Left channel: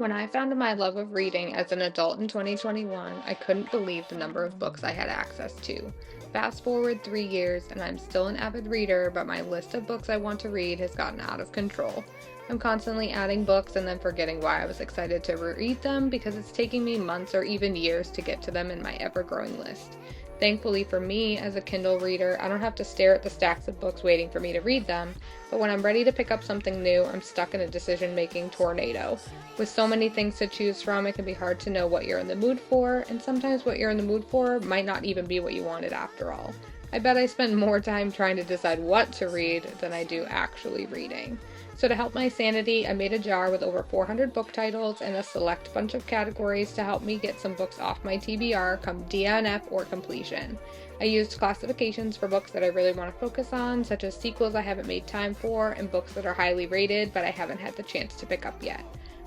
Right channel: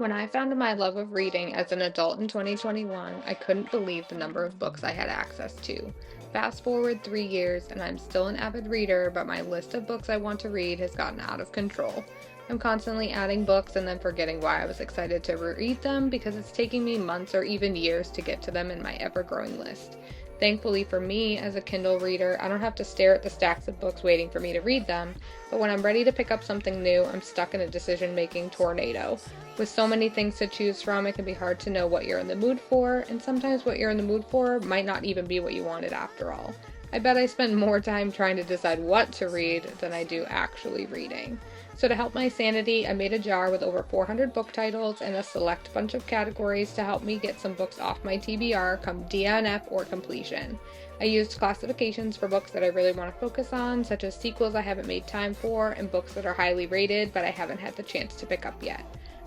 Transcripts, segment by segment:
When I found my love of reading as an adult in 2021, I couldn't believe the number of books I had access to. Fast forward 3 years, and I'm still an avid reader, but my list of books I want to read has gotten out of control. I'm constantly adding books and then forgetting why I was excited to read them because it's taking me months or even years to get to them in my ever-growing list. Thankfully for me, as a Kindle reader, I don't have to stare at the stacks of books waiting for me to read them, but when I'm ready to pick up something new, I'm stuck in a decision-making tornado. With so many things to choose from, it can be hard to know what you're in the mood for, and sometimes what you're in the mood for might not even be what you wanted after all. I bet I spend more time trying to decide what to read than I do actually reading. So to help my sanity, I made a jar with over 400 book titles and a select bunch of categories to help me get some books off my TBR come DNF or completion. I used classifications for books that I really want to focus on, such as sequels I haven't made time for and books that are highly rated but I haven't had the chance to pick up yet.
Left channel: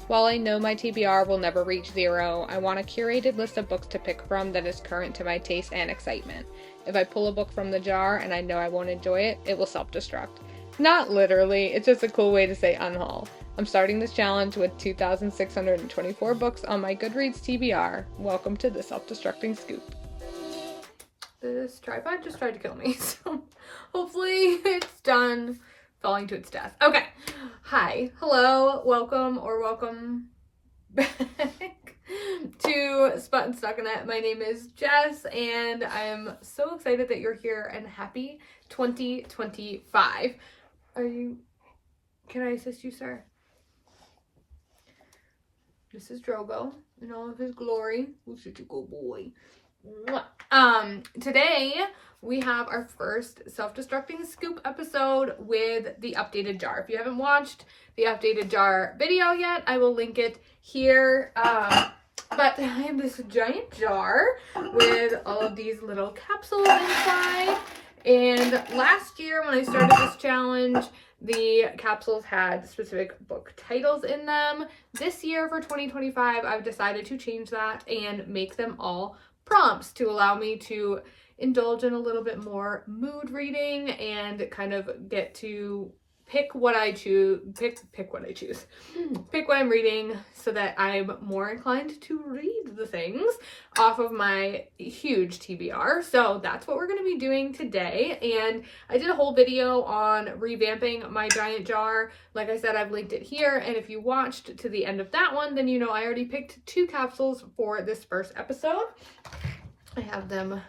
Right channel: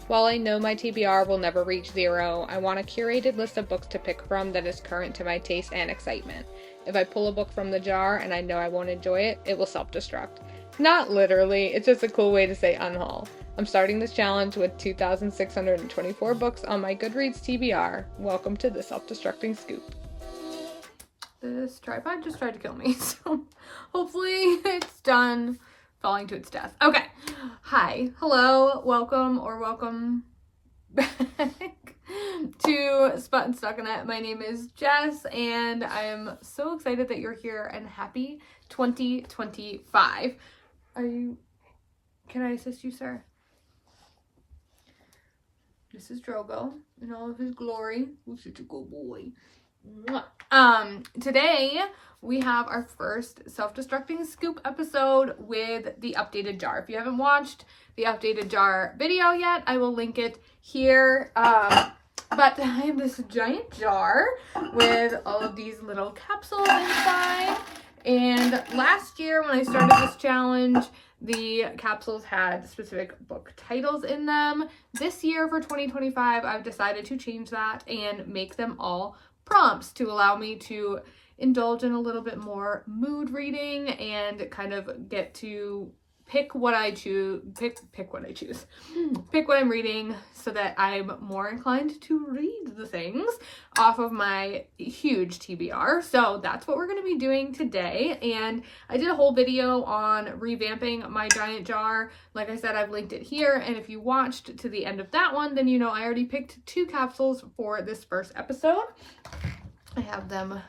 While I know my TBR will never reach 0, I want a curated list of books to pick from that is current to my taste and excitement. If I pull a book from the jar and I know I won't enjoy it, it will self-destruct. Not literally, it's just a cool way to say unhaul. I'm starting this challenge with 2,624 books on my Goodreads TBR. Welcome to the self-destructing scoop. This tripod just tried to kill me, so hopefully it's done falling to its death. Okay. Hi. Hello. Welcome back to Spot and Stuck in It. My name is Jess, and I am so excited that you're here, and happy 2025. Can I assist you, sir? This is Drogo in all of his glory. Who's such a good boy. Today we have our first self-destructing scoop episode with the updated jar. If you haven't watched the updated jar video yet, I will link it here. But I have this giant jar with all of these little capsules inside. And last year when I started this challenge, the capsules had specific book titles in them. This year for 2025, I've decided to change that and make them all prompts to allow me to indulge in a little bit more mood reading and kind of get to pick what I choose, pick what I choose, pick what I'm reading so that I'm more inclined to read the things off of my huge TBR. So that's what we're going to be doing today. And I did a whole video on revamping my giant jar. Like I said, I've linked it here. And if you watched to the end of that one, then you know I already picked 2 capsules for this first episode. I have them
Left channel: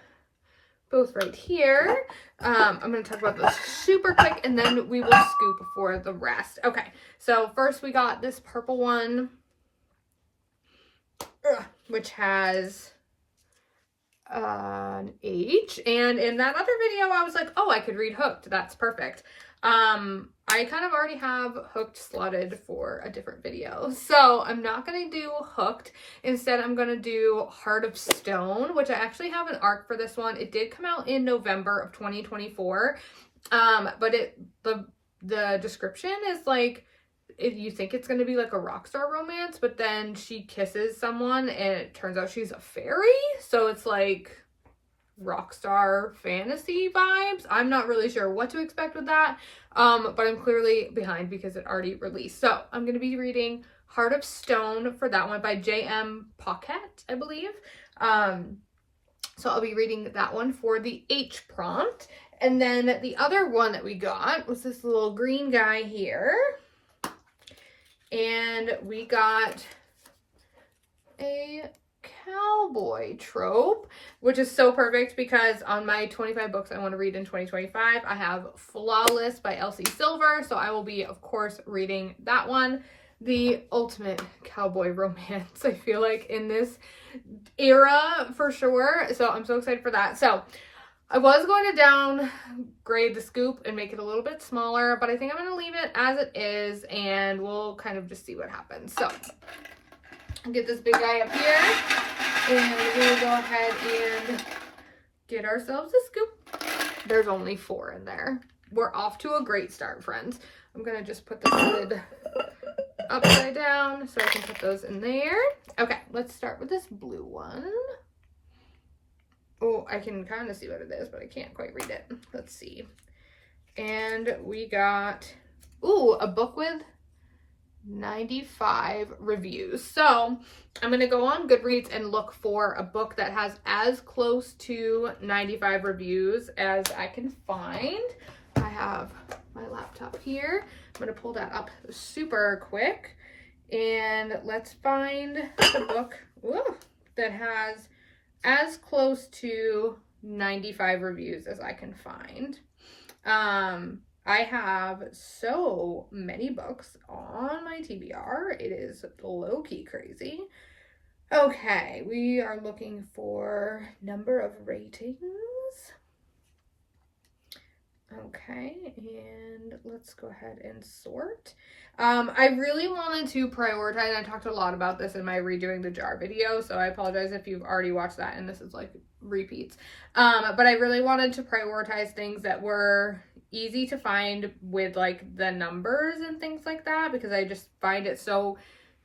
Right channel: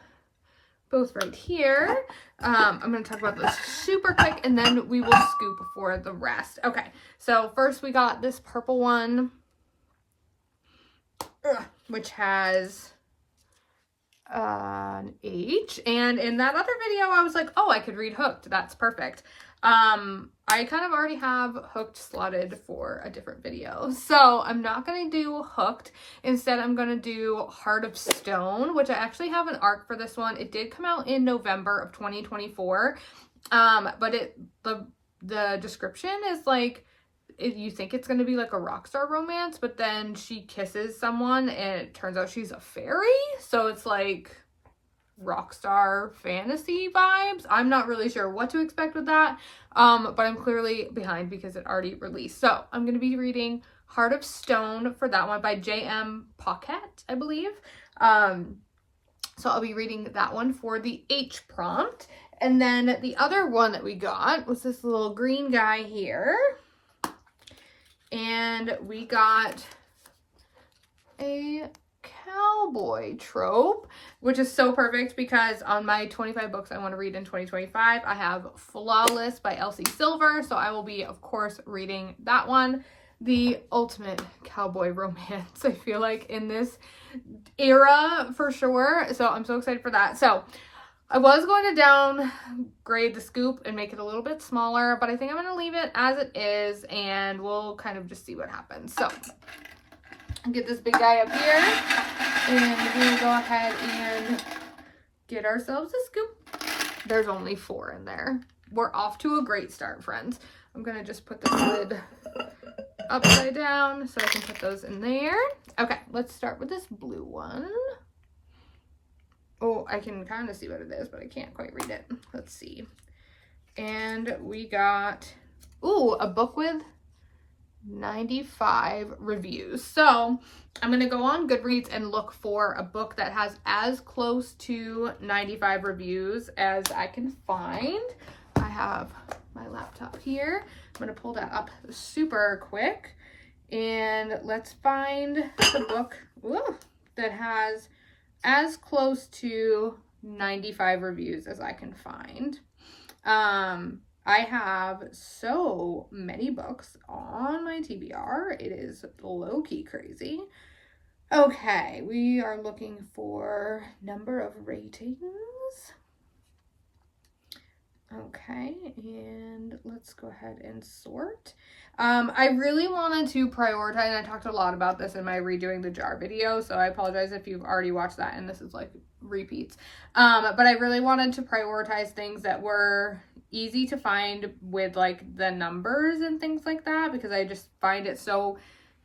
both right here. I'm going to talk about this super quick and then we will scoop for the rest. Okay, so first we got this purple one, which has an H. And in that other video, I was like, oh, I could read Hooked. That's perfect. I kind of already have Hooked slotted for a different video. So I'm not going to do Hooked. Instead, I'm going to do Heart of Stone, which I actually have an arc for this one. It did come out in November of 2024. But the description is like, you think it's going to be like a rock star romance, but then she kisses someone and it turns out she's a fairy. So it's like rock star fantasy vibes. I'm not really sure what to expect with that. But I'm clearly behind because it already released. So I'm going to be reading Heart of Stone for that one by J.M. Paquette, I believe. So I'll be reading that one for the H prompt. And then the other one that we got was this little green guy here. And we got a cowboy trope, which is so perfect because on my 25 books I want to read in 2025, I have Flawless by Elsie Silver. So I will be, of course, reading that one. The ultimate cowboy romance, I feel like, in this era for sure. So I'm so excited for that. So I was going to downgrade the scoop and make it a little bit smaller, but I think I'm going to leave it as it is and we'll kind of just see what happens. So I'll get this big guy up here and we'll go ahead and get ourselves a scoop. There's only 4 in there. We're off to a great start, friends. I'm going to just put the lid upside down so I can put those in there. Okay, let's start with this blue one. Oh, I can kind of see what it is, but I can't quite read it. Let's see. And we got, ooh, a book with 95 reviews. So I'm going to go on Goodreads and look for a book that has as close to 95 reviews as I can find. I have my laptop here. I'm going to pull that up super quick. And let's find a book that has as close to 95 reviews as I can find. I have so many books on my TBR. It is low-key crazy. Okay, we are looking for number of ratings. Okay, and let's go ahead and sort. I really wanted to prioritize, and I talked a lot about this in my redoing the jar video, so I apologize if you've already watched that and this is like repeats. But I really wanted to prioritize things that were easy to find with like the numbers and things like that, because I just find it so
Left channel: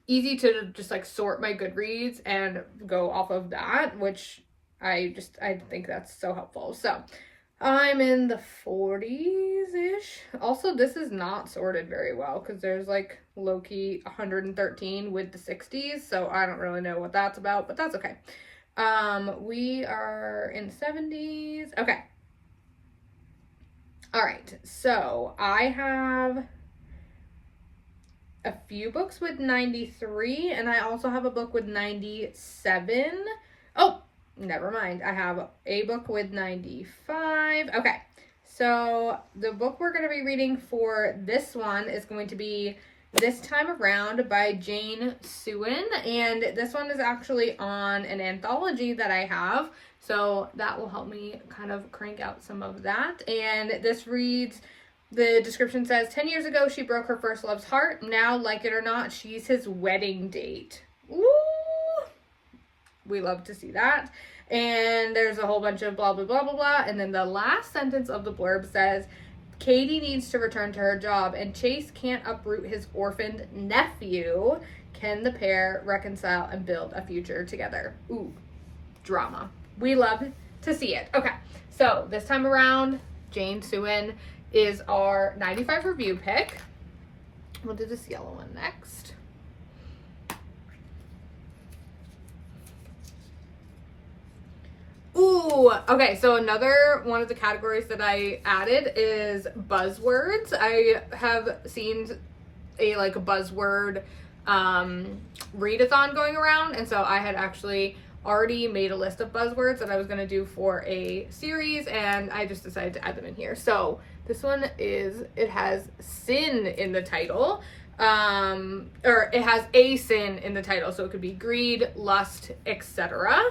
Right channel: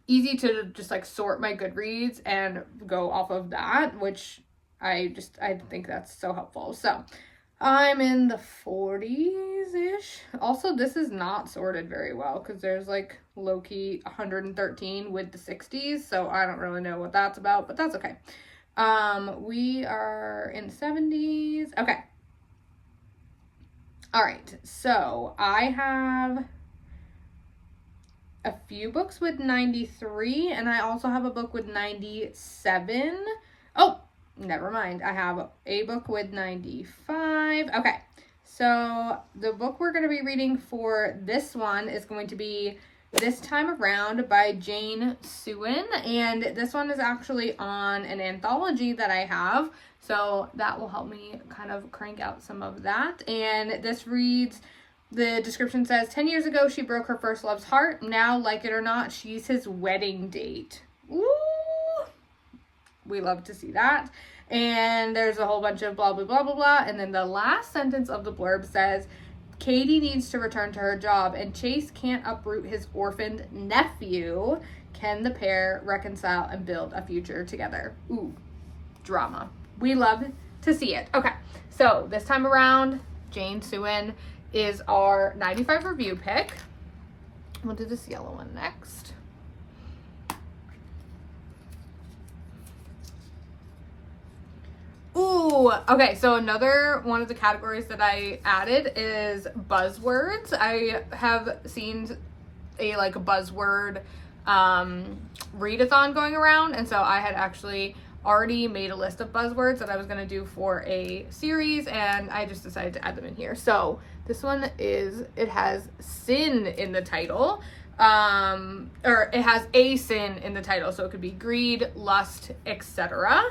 easy to just like sort my Goodreads and go off of that, which I think that's so helpful. So I'm in the 40s-ish. Also, this is not sorted very well because there's like low-key 113 with the 60s, so I don't really know what that's about, but that's okay. We are in the 70s. Okay. All right, so I have a few books with 93, and I also have a book with 97. Oh, never mind. I have a book with 95. Okay, so the book we're going to be reading for this one is going to be This Time Around by Jane Suen, and this one is actually on an anthology that I have. So that will help me kind of crank out some of that. And this reads, the description says, 10 years ago, she broke her first love's heart. Now, like it or not, she's his wedding date. Ooh, we love to see that. And there's a whole bunch of blah, blah, blah, blah, blah. And then the last sentence of the blurb says, Katie needs to return to her job, and Chase can't uproot his orphaned nephew. Can the pair reconcile and build a future together? Ooh, drama. We love to see it. Okay, so this time around, Jane Suen is our 95 review pick. We'll do this yellow one next. Ooh, okay, so another one of the categories that I added is buzzwords. I have seen a like buzzword readathon going around, and so I had actually already made a list of buzzwords that I was going to do for a series, and I just decided to add them in here. So this one is, it has sin in the title, or it has a sin in the title, so it could be greed, lust, etc.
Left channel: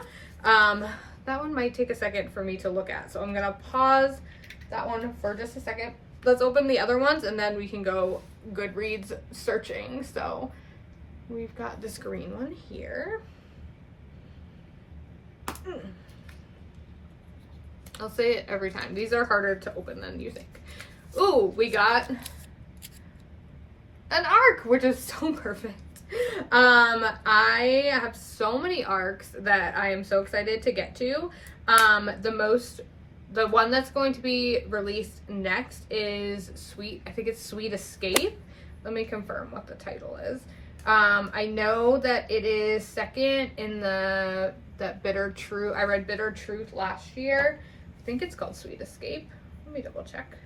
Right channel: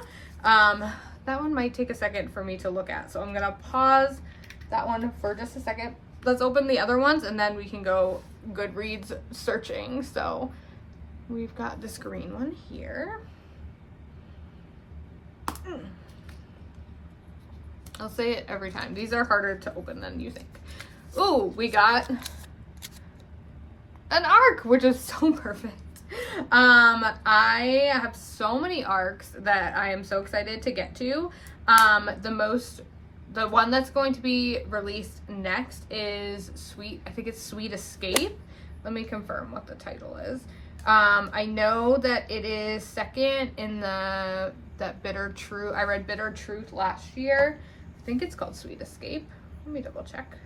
That one might take a second for me to look at, so I'm going to pause that one for just a second. Let's open the other ones, and then we can go Goodreads searching. So we've got this green one here. I'll say it every time. These are harder to open than you think. Ooh, we got an arc, which is so perfect. I have so many arcs that I am so excited to get to. The one that's going to be released next is I think it's Sweet Escape. Let me confirm what the title is. I know that it is second in that Bitter Truth. I read Bitter Truth last year. I think it's called Sweet Escape. Let me double check.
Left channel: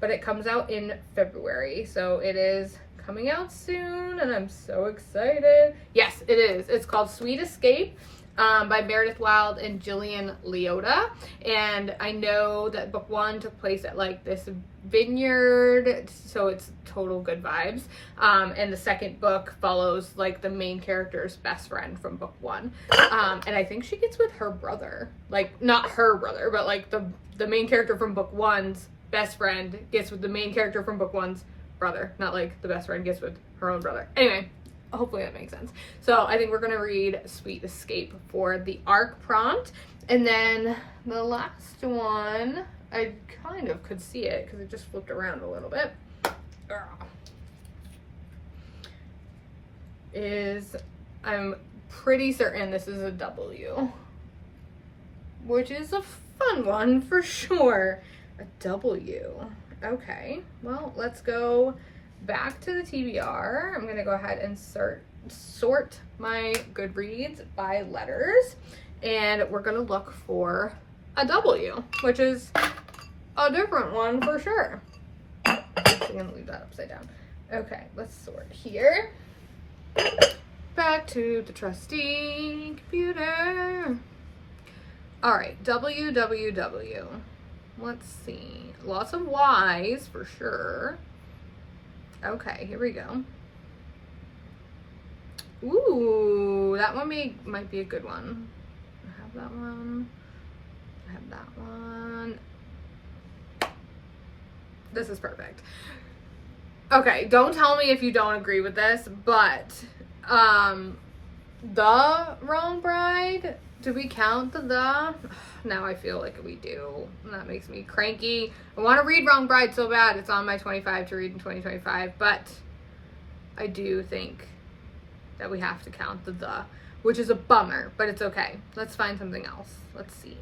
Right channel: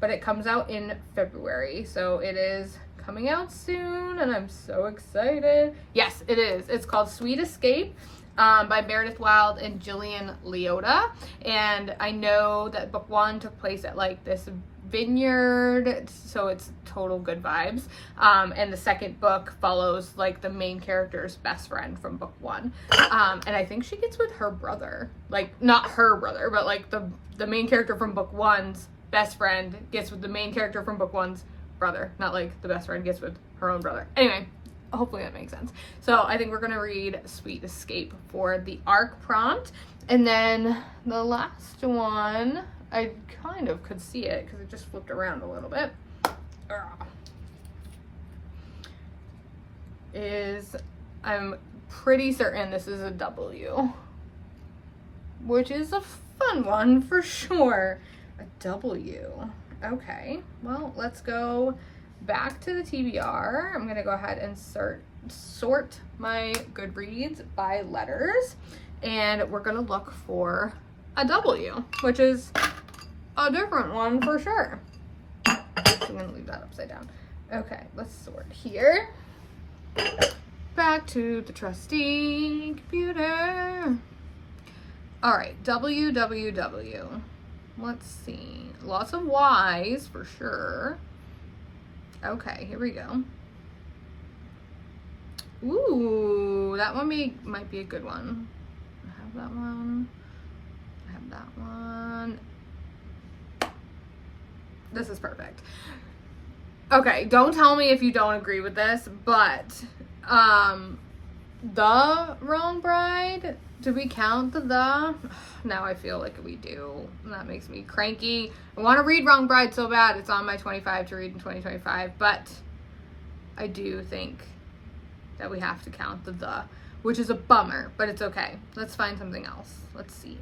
But it comes out in February, so it is coming out soon, and I'm so excited. Yes, it is. It's called Sweet Escape by Meredith Wild and Jillian Leota. And I know that book one took place at like this vineyard, so it's total good vibes. And the second book follows like the main character's best friend from book one. And I think she gets with her brother, like not her brother, but like the main character from book one's best friend gets with the main character from book one's brother, not like the best friend gets with her own brother. Anyway, hopefully that makes sense. So I think we're gonna read Sweet Escape for the ARC prompt. And then the last one, I kind of could see it because it just flipped around a little bit, I'm pretty certain this is a W, which is a fun one for sure. A W. Okay, well, let's go back to the TBR. I'm gonna go ahead and sort my Goodreads by letters, and we're gonna look for a W, which is a different one for sure. I'm gonna leave that upside down. Okay, let's sort here. Back to the trusty computer. All right, WWW. Let's see. Lots of Y's for sure. Okay, here we go. Ooh, that one might be a good one. I have that one. I have that one. This is perfect. Okay, don't tell me if you don't agree with this, but The Wrong Bride, do we count the? Now I feel like we do, and that makes me cranky. I want to read Wrong Bride so bad. It's on my 25 to read in 2025, but I do think that we have to count the, which is a bummer, but it's okay. Let's find something else. Let's see.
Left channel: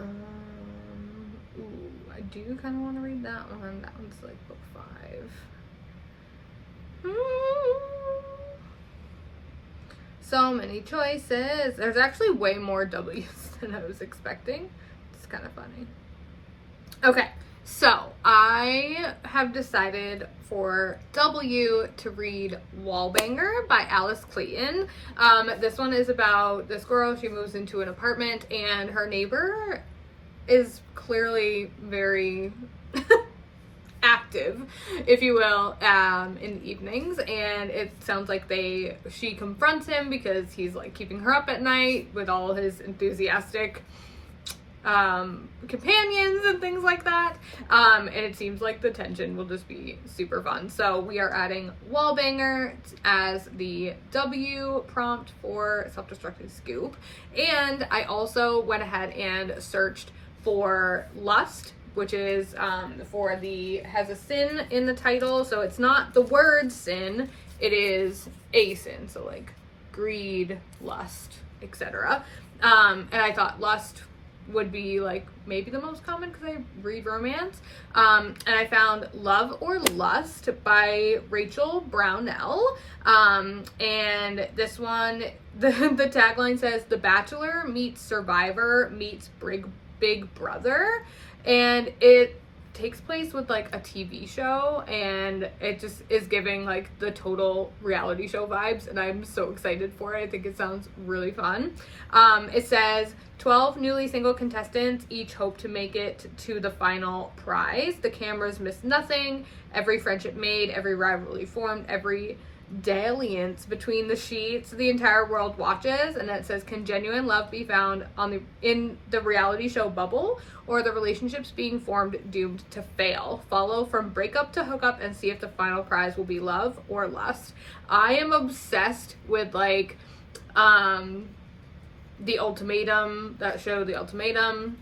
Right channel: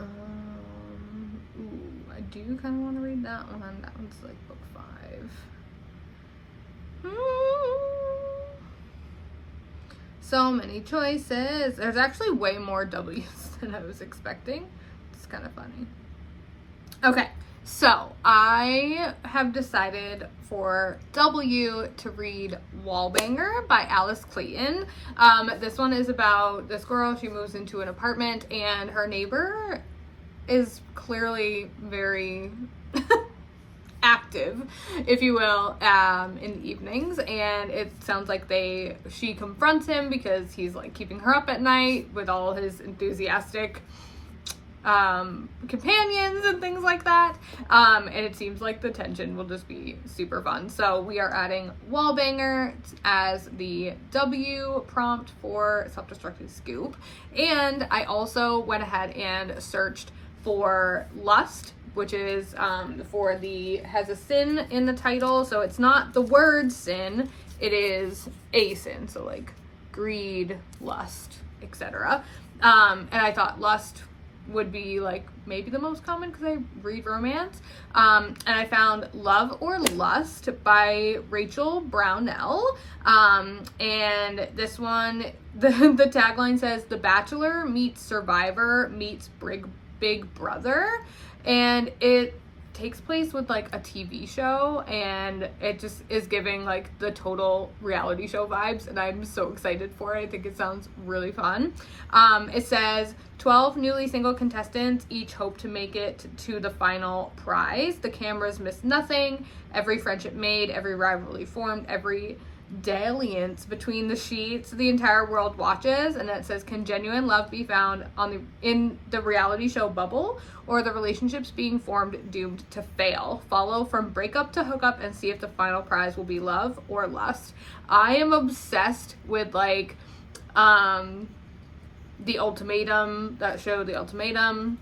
Ooh, I do kind of want to read that one. That one's like book 5. So many choices. There's actually way more W's than I was expecting. It's kind of funny. Okay, so I have decided for W to read Wallbanger by Alice Clayton. This one is about this girl. She moves into an apartment and her neighbor is clearly very active, if you will, in the evenings, and it sounds like she confronts him because he's like keeping her up at night with all his enthusiastic companions and things like that, and it seems like the tension will just be super fun. So we are adding Wallbanger as the W prompt for Self-Destructing Scoop, and I also went ahead and searched for Lust, which is has a sin in the title, so it's not the word sin, it is a sin, so like greed, lust, etc. And I thought Lust would be like maybe the most common because I read romance. And I found Love or Lust by Rachel Brownell. And this one, the tagline says, "The Bachelor meets Survivor meets Big Brother." And it takes place with like a TV show, and it just is giving like the total reality show vibes, and I'm so excited for it. I think it sounds really fun. It says 12 newly single contestants each hope to make it to the final prize. The cameras miss nothing. Every friendship made, every rivalry formed, every dalliance between the sheets, the entire world watches. And it says, can genuine love be found in the reality show bubble, or the relationships being formed doomed to fail? Follow from breakup to hookup and see if the final prize will be love or lust. I am obsessed with like The Ultimatum, that show, The Ultimatum,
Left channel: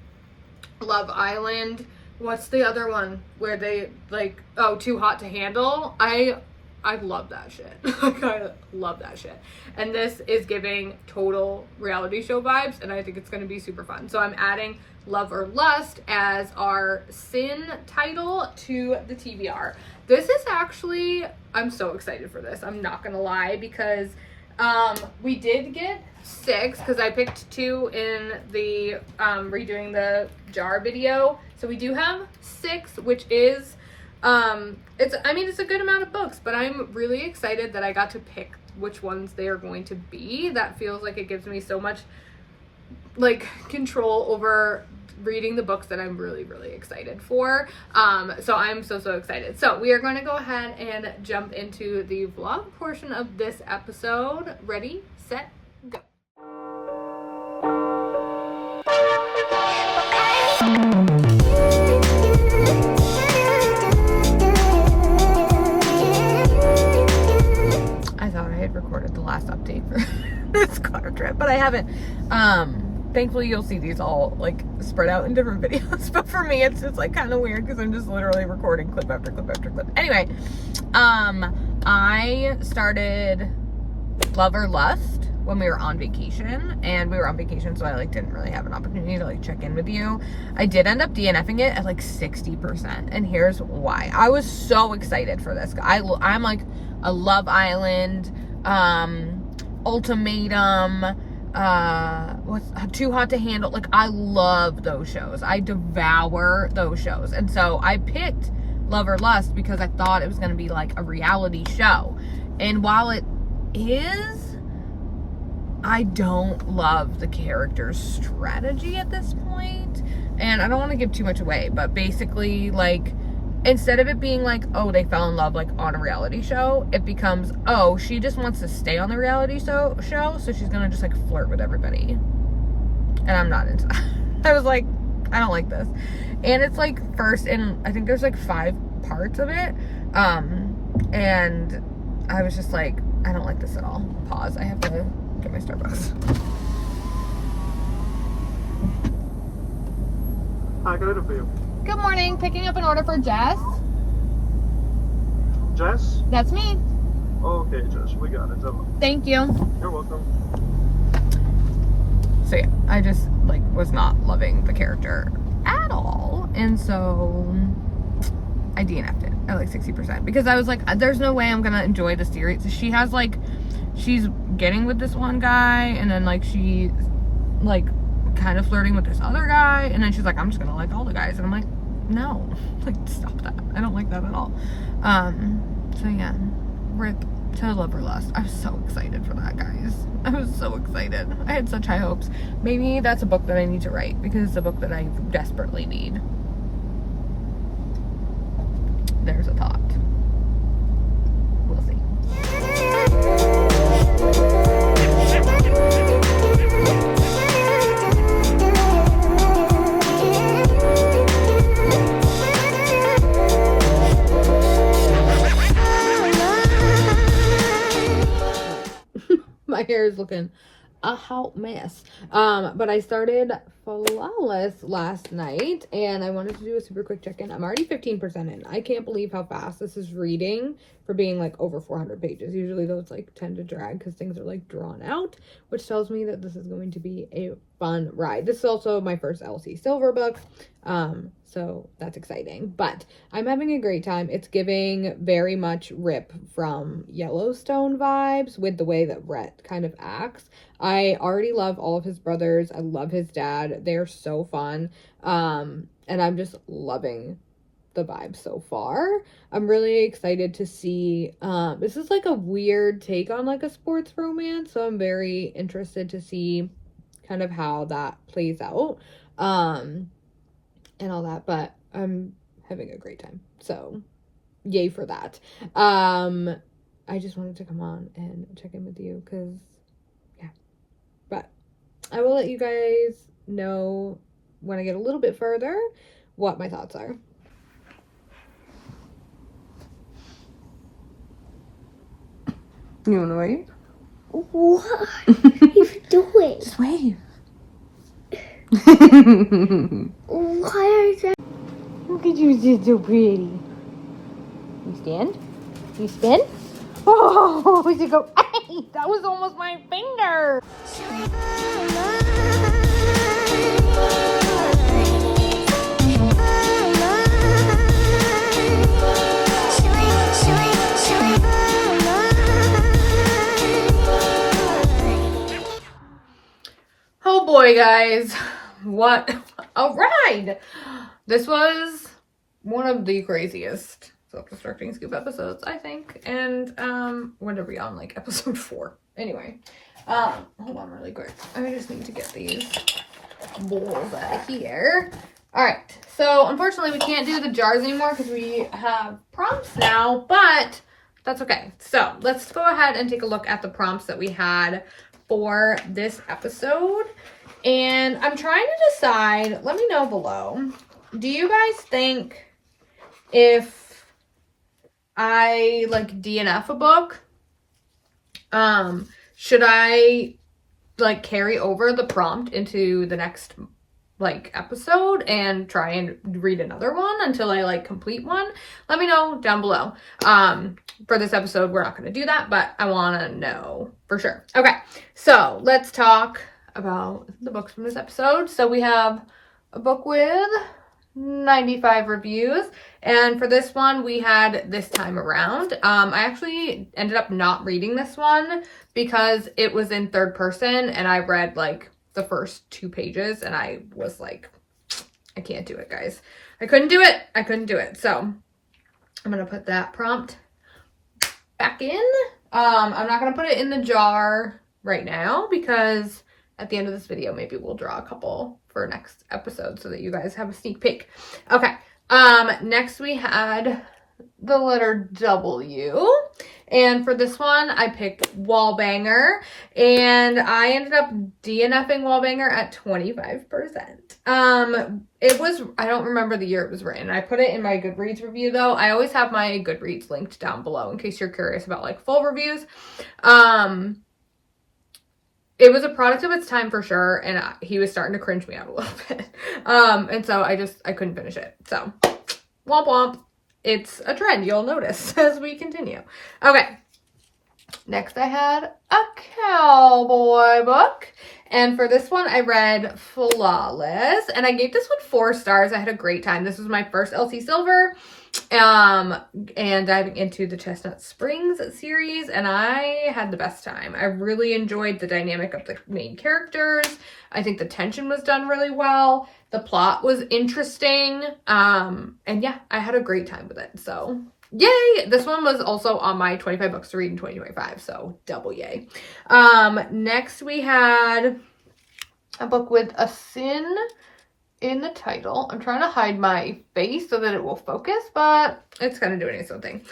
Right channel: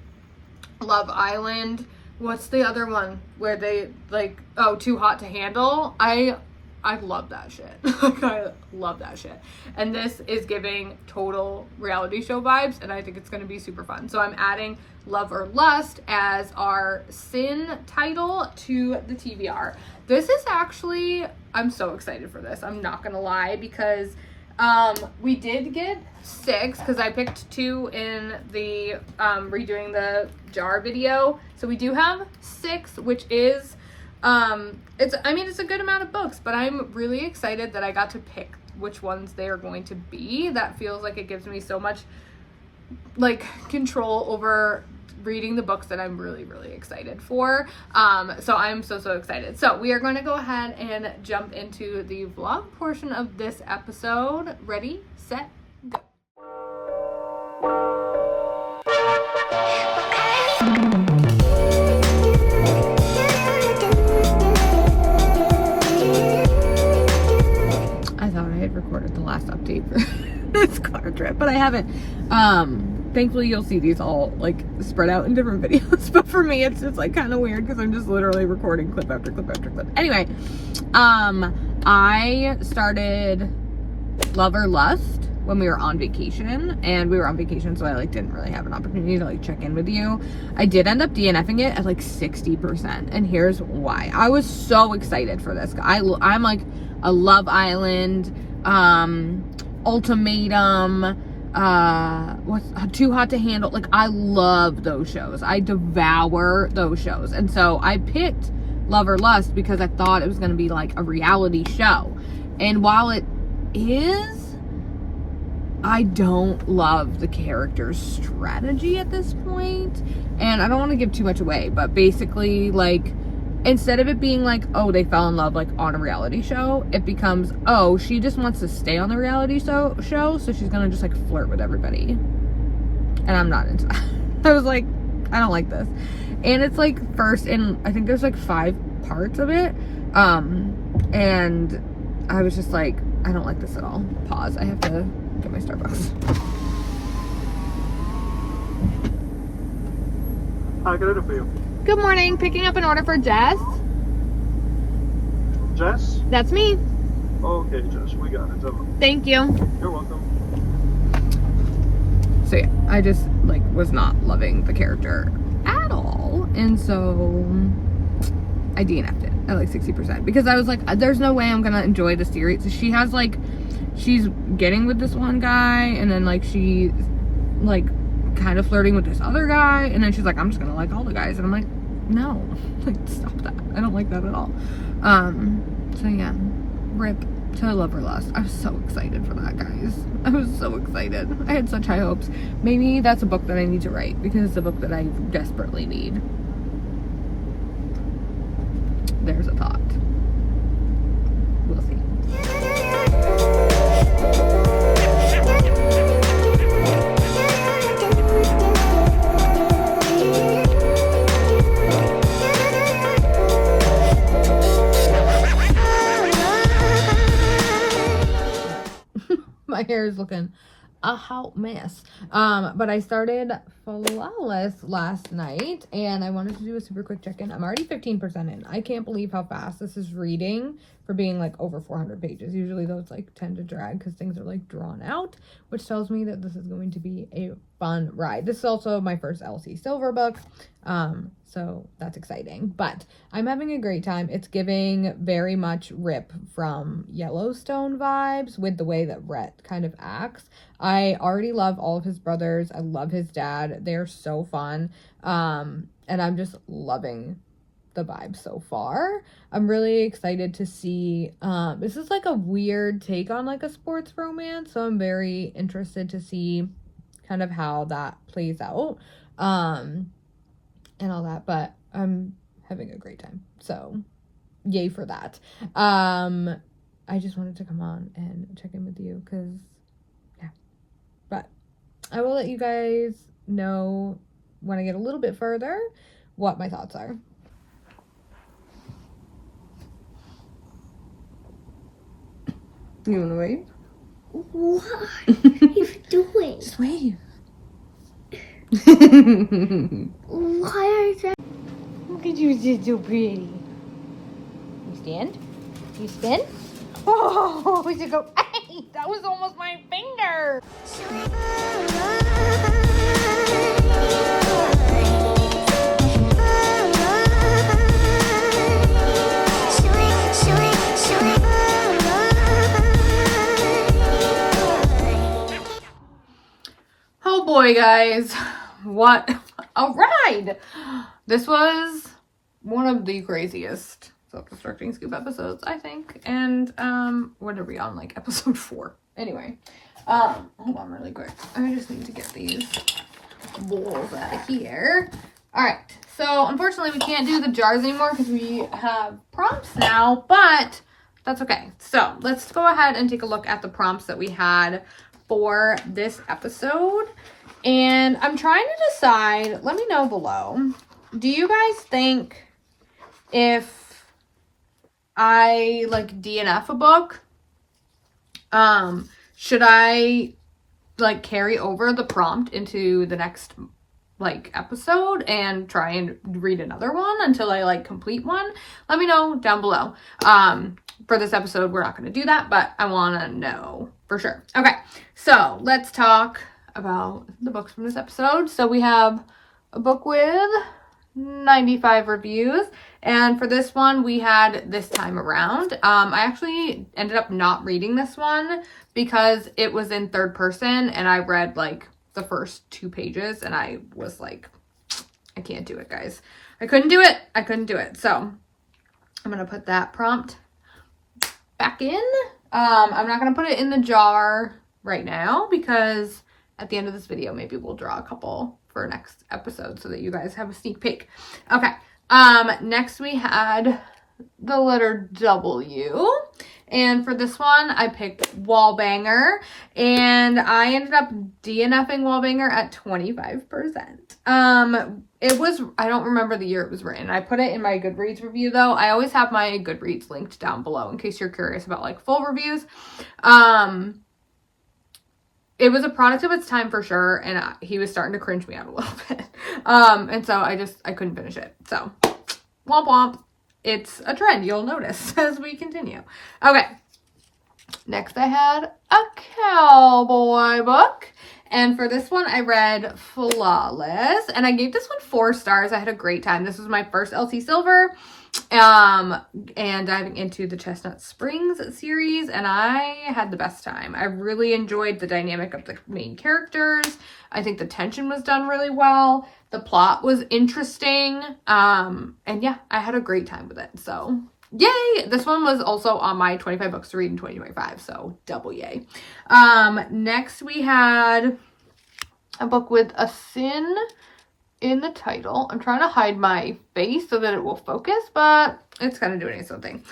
Love Island. What's the other one where they like, Too Hot to Handle? I love that shit. Like, I love that shit. And this is giving total reality show vibes, and I think it's going to be super fun. So I'm adding Love or Lust as our sin title to the TBR. This is actually, I'm so excited for this. I'm not going to lie, because we did get 6, because I picked 2 in the redoing the jar video. So we do have 6, which is it's a good amount of books, but I'm really excited that I got to pick which ones they are going to be. That feels like it gives me so much like control over reading the books that I'm really, really excited for. So I'm so excited. So we are going to go ahead and jump into the vlog portion of this episode. Ready, set, go. This car trip, but I haven't. Thankfully you'll see these all like spread out in different videos, but for me it's like kind of weird because I'm just literally recording clip after clip after clip. Anyway, I started Love or Lust. when we were on vacation, and we were on vacation, so I like didn't really have an opportunity to like check in with you. I did end up DNFing it at like 60%, and here's why. I was so excited for this. I'm like a Love Island, Ultimatum, what's Too Hot to Handle. Like, I love those shows. I devour those shows. And so I picked Love or Lust because I thought it was going to be like a reality show. And while it is, I don't love the character's strategy at this point. And I don't want to give too much away, but basically, like, instead of it being like, oh, they fell in love like on a reality show, it becomes, oh, she just wants to stay on the reality show, so she's gonna just like flirt with everybody. And I'm not into that. I was like, I don't like this. And it's like first, and I think there's like 5 parts of it. And I was just like, I don't like this at all. Pause. I have to get my Starbucks. How can I do for you? Good morning. Picking up an order for Jess. Jess? That's me. Okay, Jess, we got it. Thank you. You're welcome. So yeah, I just like was not loving the character at all, and so I DNF'd it at like 60% because I was like, there's no way I'm gonna enjoy the series. She has like, she's getting with this one guy, and then like she's like kind of flirting with this other guy, and then she's like, I'm just gonna like all the guys, and I'm like, no, like stop that. I don't like that at all. So yeah, rip to Love or Lust. I was so excited for that, guys. I was so excited. I had such high hopes. Maybe that's a book that I need to write because it's a book that I desperately need. There's a thought. We'll see. My hair is looking a hot mess. But I started Flawless last night, and I wanted to do a super quick check-in. I'm already 15% in. I can't believe how fast this is reading for being like over 400 pages. Usually those like tend to drag because things are like drawn out, which tells me that this is going to be a fun ride. This is also my first LC Silver book. So that's exciting, but I'm having a great time. It's giving very much Rip from Yellowstone vibes with the way that Rhett kind of acts. I already love all of his brothers. I love his dad. They're so fun. And I'm just loving the vibe so far. I'm really excited to see, this is like a weird take on like a sports romance. So I'm very interested to see kind of how that plays out. And all that, but I'm having a great time, so yay for that. I just wanted to come on and check in with you because yeah, but I will let you guys know when I get a little bit further what my thoughts are. You wanna wait? What are you doing? Wait. Why are you? Look at you, you're so pretty. You stand? You spin? Oh, you go. Hey, that was almost my finger. Oh boy, guys. What a ride! This was one of the craziest self-destructing scoop episodes, I think. And what are we on, like episode 4? Anyway, hold on really quick. I just need to get these bowls out of here. All right, so unfortunately we can't do the jars anymore because we have prompts now, but that's okay. So let's go ahead and take a look at the prompts that we had for this episode. And I'm trying to decide, let me know below, do you guys think if I like DNF a book, should I like carry over the prompt into the next like episode and try and read another one until I like complete one, let me know down below. For this episode, we're not going to do that, but I want to know for sure. Okay, so let's talk about the books from this episode. So we have a book with 95 reviews. And for this one, we had This Time Around. I actually ended up not reading this one because it was in third person and I read like the first 2 pages and I was like, I can't do it, guys. I couldn't do it. So I'm going to put that prompt back in. I'm not going to put it in the jar right now because at the end of this video, maybe we'll draw a couple for next episode so that you guys have a sneak peek. Okay. Next we had the letter W, and for this one I picked Wallbanger, and I ended up DNFing Wallbanger at 25%. It was, I don't remember the year it was written. I put it in my Goodreads review though. I always have my Goodreads linked down below in case you're curious about like full reviews. It was a product of its time for sure, and he was starting to cringe me out a little bit. And so I couldn't finish it. So, womp womp. It's a trend you'll notice as we continue. Okay. Next I had a cowboy book. And for this one, I read Flawless. And I gave this one 4 stars. I had a great time. This was my first LT Silver. And diving into the Chestnut Springs series, and I had the best time. I really enjoyed the dynamic of the main characters. I think the tension was done really well. The plot was interesting. And yeah, I had a great time with it. So yay! This one was also on my 25 books to read in 2025. So double yay. Next we had a book with a sin in the title. I'm trying to hide my face so that it will focus, but it's kind of doing its own thing.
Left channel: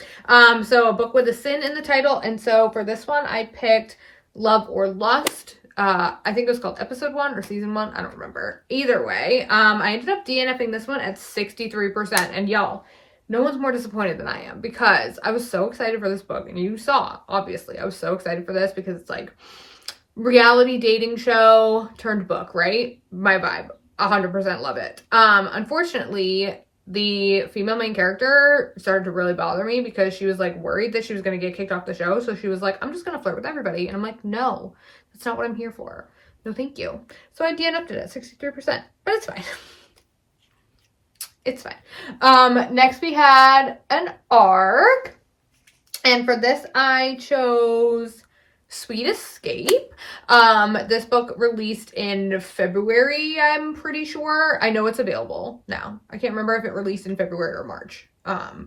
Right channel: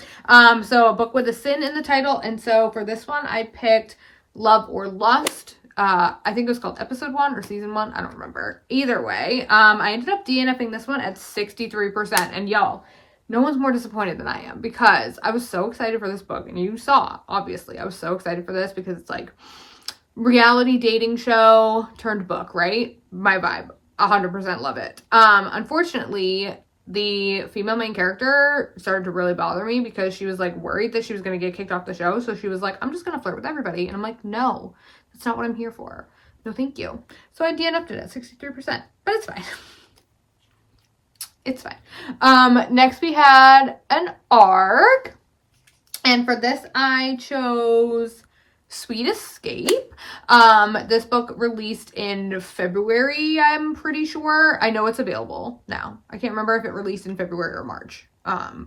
So a book with a sin in the title. And so for this one, I picked Love or Lust. I think it was called episode 1 or season 1. I don't remember. Either way, I ended up DNFing this one at 63%. And y'all, no one's more disappointed than I am because I was so excited for this book. And you saw, obviously, I was so excited for this because it's like reality dating show turned book, right? My vibe. 100% love it. Unfortunately, the female main character started to really bother me because she was like worried that she was going to get kicked off the show. So she was like, I'm just going to flirt with everybody. And I'm like, no, that's not what I'm here for. No, thank you. So I DNF'd it at 63%, but it's fine. It's fine. Next we had an ARC. And for this, I chose Sweet Escape. This book released in February, I'm pretty sure. I know it's available now. I can't remember if it released in February or March.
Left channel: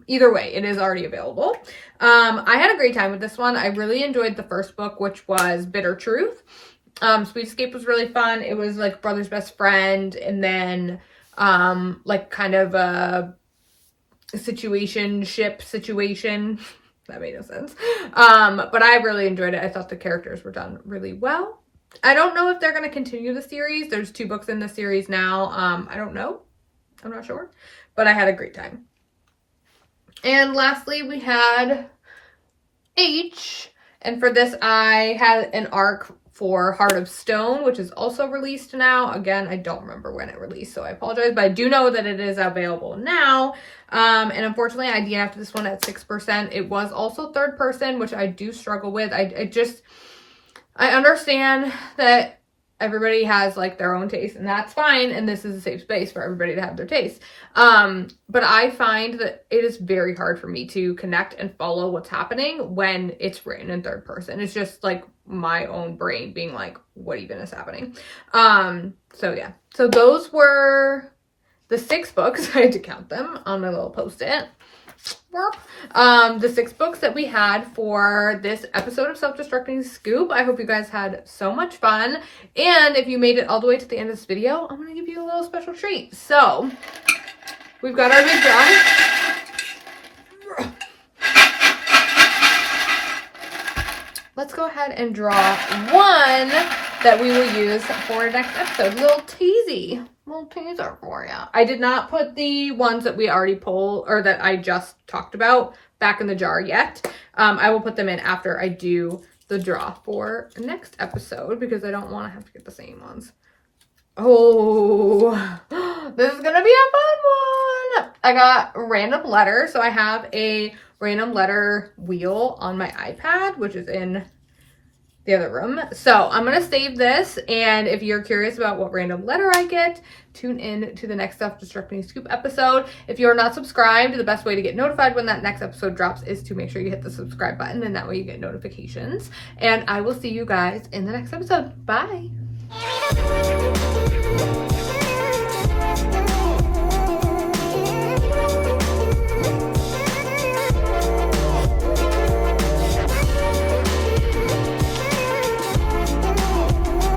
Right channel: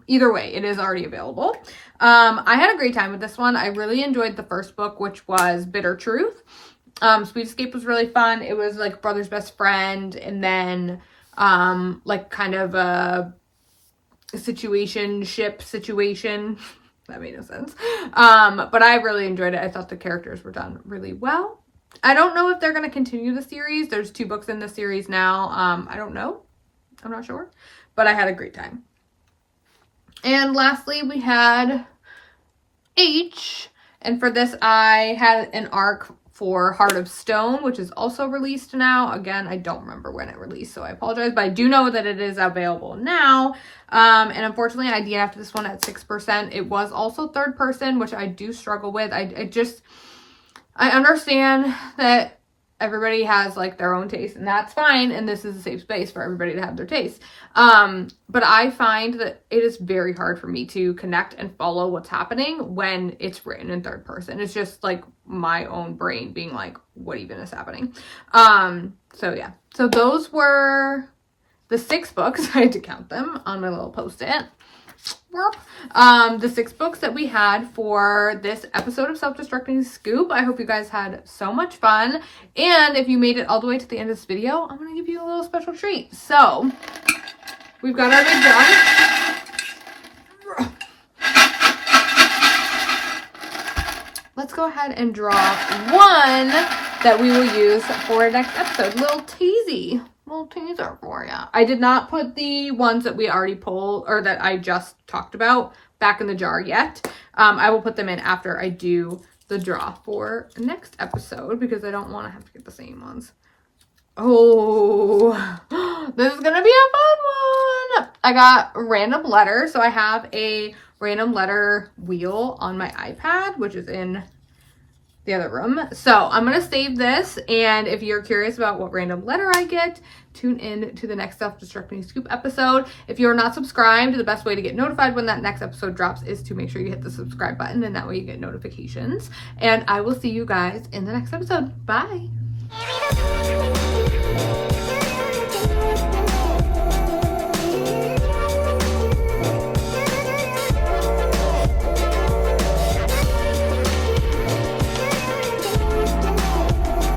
Either way, it is already available. I had a great time with this one. I really enjoyed the first book, which was Bitter Truth. Sweet Escape was really fun. It was like brother's best friend, and then like kind of a situation. That made no sense. But I really enjoyed it. I thought the characters were done really well. I don't know if they're going to continue the series. There's 2 books in the series now. I don't know. I'm not sure. But I had a great time. And lastly, we had H. And for this, I had an ARC for Heart of Stone, which is also released now. Again, I don't remember when it released, so I apologize. But I do know that it is available now. And unfortunately, I DNF'd this one at 6%. It was also third person, which I do struggle with. I understand that everybody has like their own taste, and that's fine. And this is a safe space for everybody to have their taste. But I find that it is very hard for me to connect and follow what's happening when it's written in third person. It's just like my own brain being like, what even is happening? So yeah. So those were the 6 books. I had to count them on my little post-it. The 6 books that we had for this episode of Self-Destructing Scoop. I hope you guys had so much fun. And if you made it all the way to the end of this video, I'm going to give you a little special treat. So we've got our big done. Let's go ahead and draw one that we will use for next episode. Little teaser for you. I did not put the ones that we already pulled or that I just talked about back in the jar yet. I will put them in after I do the draw for next episode because I don't want to have to get the same ones Oh, this is gonna be a fun one. I got random letter. So I have a random letter wheel on my iPad, which is in the other room. So I'm gonna save this, and if you're curious about what random letter I get, tune in to the next Self-Destructing Scoop episode. If you're not subscribed, the best way to get notified when that next episode drops is to make sure you hit the subscribe button, and that way you get notifications. And I will see you guys in the next episode. Bye.